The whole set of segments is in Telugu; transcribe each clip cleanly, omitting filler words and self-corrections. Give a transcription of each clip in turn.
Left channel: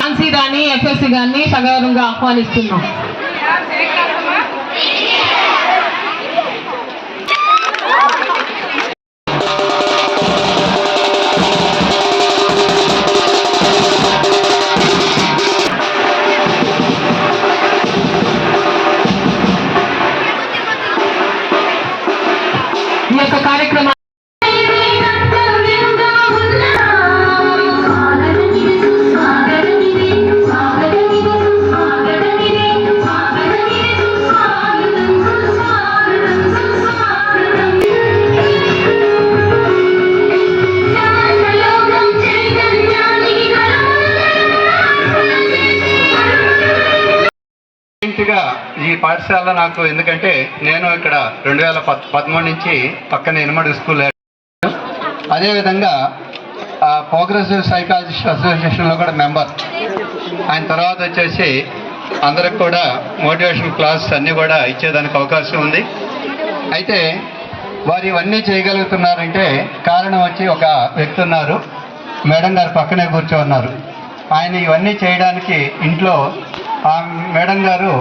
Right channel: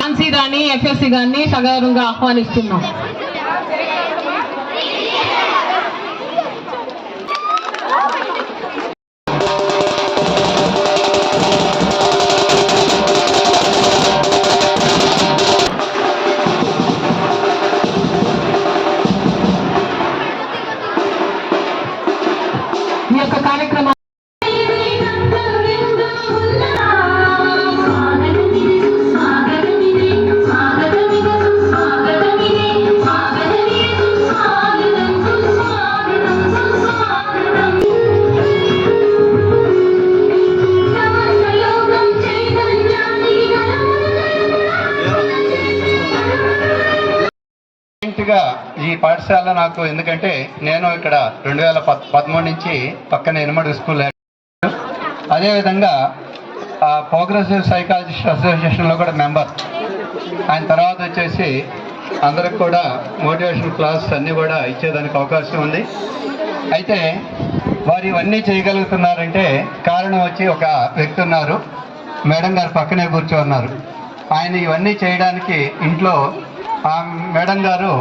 ఝాన్సీ రాణి ఎఫ్ఎస్సి గారిని సగౌరవంగా ఆహ్వానిస్తున్నాం. ఈ యొక్క కార్యక్రమం ఈ పాఠశాల నాకు ఎందుకంటే నేను ఇక్కడ 2013 నుంచి పక్కన ఎనమడు స్కూల్, అదేవిధంగా ప్రోగ్రెసివ్ సైకాలజిస్ట్ అసోసియేషన్లో కూడా మెంబర్. ఆయన తర్వాత వచ్చేసి అందరికి కూడా మోటివేషన్ క్లాస్ అన్నీ కూడా ఇచ్చేదానికి అవకాశం ఉంది. అయితే వారు ఇవన్నీ చేయగలుగుతున్నారంటే కారణం వచ్చి ఒక వ్యక్తి ఉన్నారు, మేడం గారు పక్కనే కూర్చోన్నారు. ఆయన ఇవన్నీ చేయడానికి ఇంట్లో ఆ మేడం గారు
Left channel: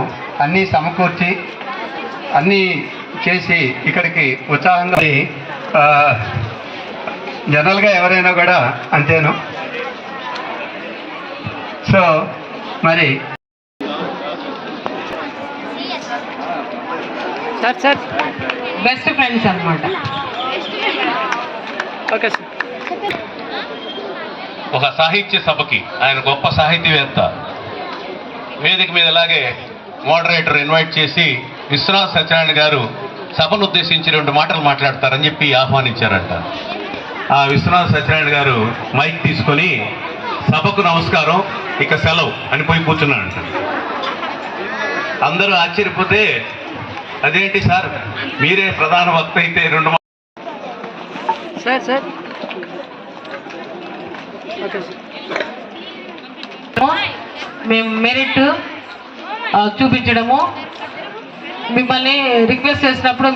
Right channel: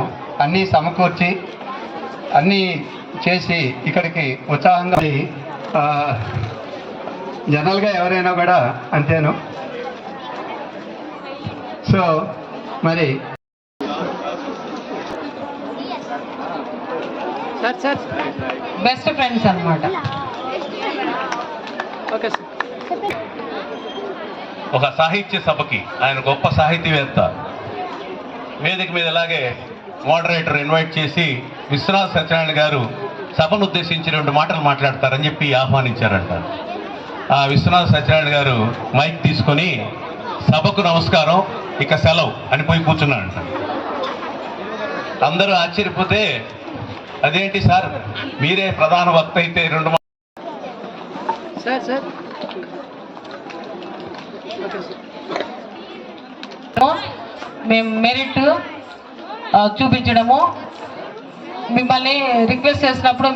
అన్నీ సమకూర్చి అన్నీ చేసి ఇక్కడికి ఉత్సాహంగా, జనరల్గా ఎవరైనా కూడా అంతేను. సో మరి బెస్ట్ ఫ్రెండ్స్ అన్నమాట. ఒక సాహిత్య సభకి ఆయన గొప్ప సాహితీవేత్త వేదిక మీద అలాగే మోడరేటర్ ఇన్వైట్ చేసి విశ్వనాథ్ సత్యనారాయణ గారు సభను ఉద్దేశించి 2 మాటలు మాట్లాడతారని చెప్పి ఆహ్వానించారంట. ఆ విశ్వనాథ్ సత్యనారాయణ గారు మైక్ తీసుకొని సభకు నమస్కారం, ఇక సెలవు అని పోయి కూర్చున్నాడంట. అందరూ ఆశ్చర్యపోతే అదేంటి సార్ మీరే ప్రధాన వక్త అయితే 2 మేము మెరిట్ చూపించడము, మిమ్మల్ని రిక్వెస్ట్ చేసినప్పుడు